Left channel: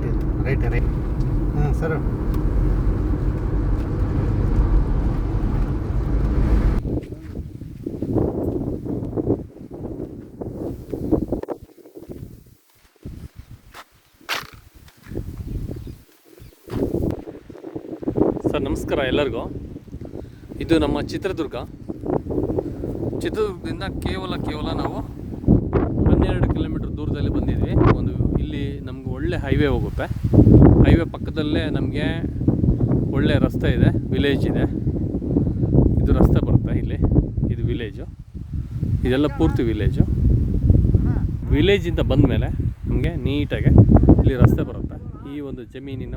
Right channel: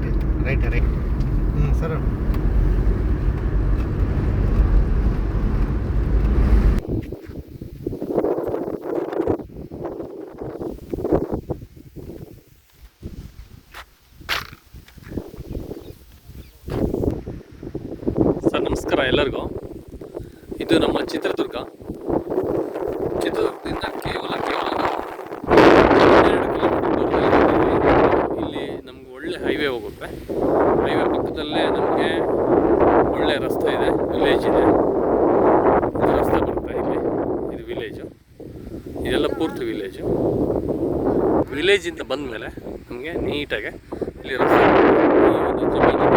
Right ಇತ್ತು right sir. Sir, ನಮಸ್ಕಾರ ಎಲ್ಲರಿಗೂ. ಇದು ನಮ್ಮ ಚಿತ್ರದುರ್ಗ. ಚಿತ್ರದುರ್ಗದಿಂದ ಕೇವಲ ಕೇವಲ ನಾವು ಹನ್ನೆರಡು ಕಿಲೋಮೀಟರ್ ದೂರದಲ್ಲಿ ಒಳ್ಳೆ ಹೈವೇ ಹೋಗುತ್ತೆ. ಹೈವೇ ಪಕ್ಕದಲ್ಲೇ ನಮಗೆ ಒಳ್ಳೆ ರಸ್ತೆ ಇದೆ ವಿಲೇಜ್ ಇದೆ. ಇದು ರಸ್ತೆ ಬರುತ್ತೆ ಇಲ್ಲಿ, ಇದು ವಿಲೇಜು ಇದೆಲ್ಲ ಪೂರ್ತಿ ವಿಲೇಜು ವಿಲೇಜಿಂದ ಬಂದ ಮೇಲೆ ನಮಗೆ ನೀಟಾಗೆ ಇಲ್ಲಿ ರಸ್ತೆ ಈ ಒಂದು ಜಮೀನು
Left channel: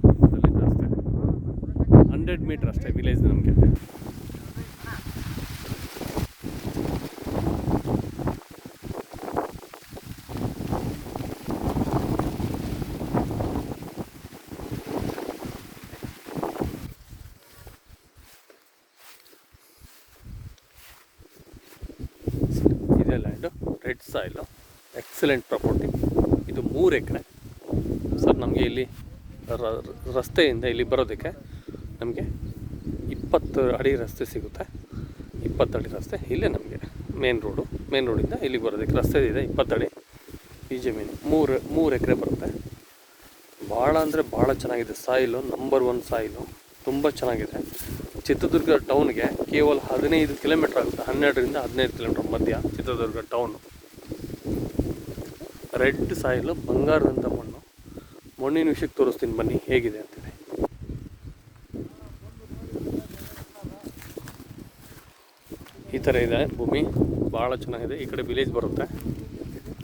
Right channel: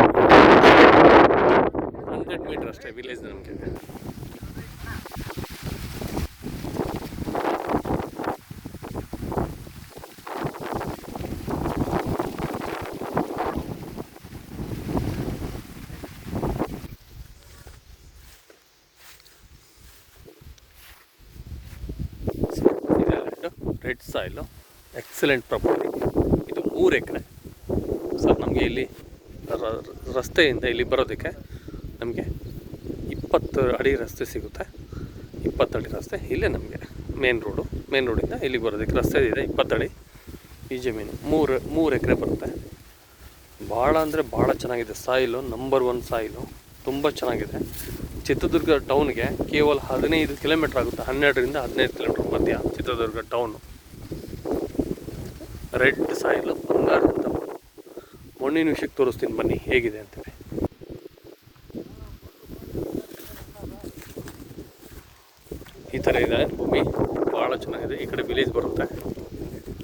ಹಂಡ್ರೆಡ್ ಮೀಟ್ರ್ ಅಷ್ಟೇ ವಿಲೇಜ್ ನಮಗೆ ಇದೆ land red soil. Excellent property. ಇದು ಮೂರು ಎಕರೆ. ಸರ್, ನಮಗೆ ಇಲ್ಲಿ ರಸ್ತೆಯಿಂದ ಇಲ್ಲಿ ಬರೋದಕ್ಕೆ ನಮಗೆ ಇಪ್ಪತ್ತು ಅಡಿ ರಸ್ತೆ ಸಿಗುತ್ತೆ. ಇಪ್ಪತ್ತು ಅಡಿ ರಸ್ತೆ ಇಲ್ಲೇ ನಮಗೆ. ಮೇನ್ ರೋಡು, ಮೇನ್ ರೋಡಿಂದ ಇಲ್ಲಿಗೆ ಬರೋದಕ್ಕೆ ರಸ್ತೆ ಇದೆ ಇಪ್ಪತ್ತಡಿ ಈ ಜಮೀನು. ಮೂರು ಮೂರು ಎಕರೆ ಬರುತ್ತೆ. ಭಾಳ ಅಂದರೆ ಭಾಳ ಚೆನ್ನಾಗಿದೆ. Soil, number one soil. ತುಂಬ ಚೆನ್ನಾಗಿದೆ. ಚಿತ್ರದುರ್ಗ ಟೌನ್ಗೆ ಕೇವಲ ಹದಿನೈದು ಕಿಲೋಮೀಟ್ರ್ ಆಗುತ್ತೆ. ಹನ್ನೆರಡರಿಂದ ಹದಿನೈದು ಕಿಲೋಮೀಟ್ರ್ ಮಧ್ಯ ಚಿತ್ರದುರ್ಗ ಟೌನು. ರೆಡ್ ಸಾಯಿಲ್ ಬಂಗಾರದಂಥ ಮಣ್ಣು ಮಣ್ಣಿನ ವಿಷಯಕ್ಕೆ ತೋರಿಸ್ತೀನಿ ಬನ್ನಿ, ಹೇಗಿದೆ ಅಂತೇಳಿ. ಈ ಥರ ಇದೆ, ಭೂಮಿ ಭಾಳ ಚೆನ್ನಾಗಿದೆ. ಈ ಕಡೆ ವಿಲೇಜ್ ಬರುತ್ತೆ.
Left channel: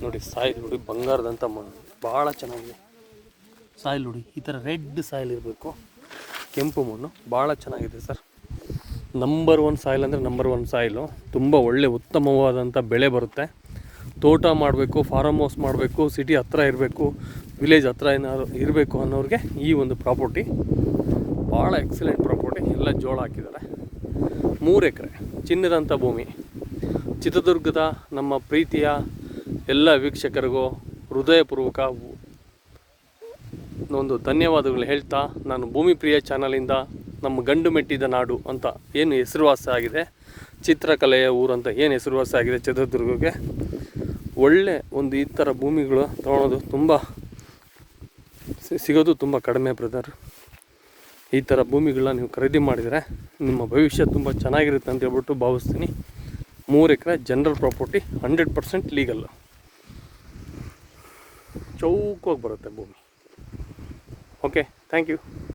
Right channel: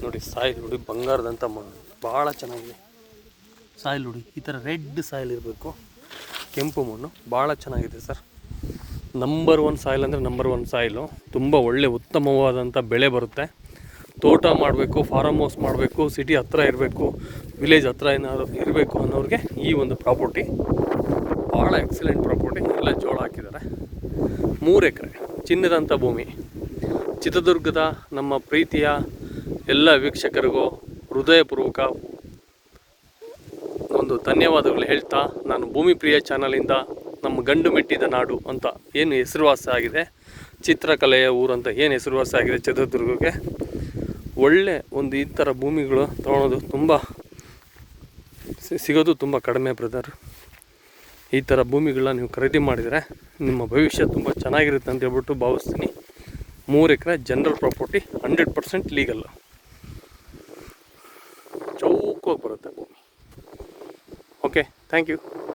ನೋಡಿ, ಸಾಯಿಲ್ ನೋಡಿ ಬಂಗಾರದಂಥ ಮಣ್ಣು ಭಾಳ ಚೆನ್ನಾಗಿದೆ. ಸಾಯಿಲ್ ನೋಡಿ, ಈ ಥರ ರೆಡ್ ಸಾಯಿಲ್ ಇರಬೇಕು. ಕೆಂಪು ಮಣ್ಣು, ಭಾಳ ಚೆನ್ನಾಗಿದೆ ಸರ್. ನಂಬರ್ ಒನ್ ಸಾಯಿಲ್ ಅಂದರೆ ನಂಬರ್ ಒನ್ ಸಾಯಿಲು ತುಂಬ ಒಳ್ಳೆ ಉತ್ತಮವಾದಂಥ ಬೆಳೆ ಬರುತ್ತೆ. ತೋಟ ಮಾಡಬೇಕು ಫಾರಮ್ ಹೌಸ್ ಮಾಡಬೇಕು ಸಿಟಿ ಹತ್ರ ಇರಬೇಕು ವಿಲೇಜ್ ಹತ್ರ ಏನಾದ್ರು ಇರಬೇಕು ಅನ್ನೋರಿಗೆ ಈ ಒಂದು ಪ್ರಾಪರ್ಟಿ ಭಾಳ ಎಕ್ಸಲೆಂಟ್ ಪ್ರಾಪರ್ಟಿ ಎಲ್ಲ ಜೋಳ ಹಾಕಿದ್ದಾರೆ. ಮೂರು ಎಕರೆ ಚಿನ್ನದಂಥ ಭೂಮಿ. ಚಿತ್ರದುರ್ಗದ ನಮ್ಮ ಪ್ರೀತಿಯ ಎಲ್ಲ ವೀಕ್ಷಕರಿಗೂ ಹೃದಯಪೂರ್ವಕ ಒಂದು ಧನ್ಯವಾದಗಳು ಹೇಳ್ತಾ, ನಾನು ಭೂಮಿ ಪ್ರಿಯ ಚಾನಲಿಂದ ನಮ್ಮ ಗಂಡು ಮೆಟ್ಟಿದ ನಾಡು ಅಂತ ಏನು ಹೆಸರುವಾಸ ಆಗಿದೆ, ಚಿತ್ರಕಲೆಯ ಊರು ಅಂತ ಏನು ಹೆಸರುವಾಸ ಆಗಿದೆ ಚಿತ್ರದುರ್ಗಕ್ಕೆ. ಒಳ್ಳೆ ಒಂದು ಈ ಥರ ಭೂಮಿಗಳು ತೊಗೊಳೋದು ತುಂಬ ಸಿಗೋದು ತುಂಬ ಕಡಿಮೆ ಬ್ರದರ್ ಈ ಥರ ಭೂಮಿಗಳನ್ನ ನೀವು ಖರೀದಿ ಮಾಡಿದರೆ ನಿಮ್ಮ ಭವಿಷ್ಯ ತುಂಬ ಚೆನ್ನಾಗಿರುತ್ತೆ ಅಂತ ಹೇಳ್ಬಿಟ್ಟು ಭಾವಿಸ್ತೀನಿ. ಮೂರು ಎಕರೆ general property hundred percent legal ಚೌಕವಾಗಿ ಬರುತ್ತೆ ಭೂಮಿ. Okay thank you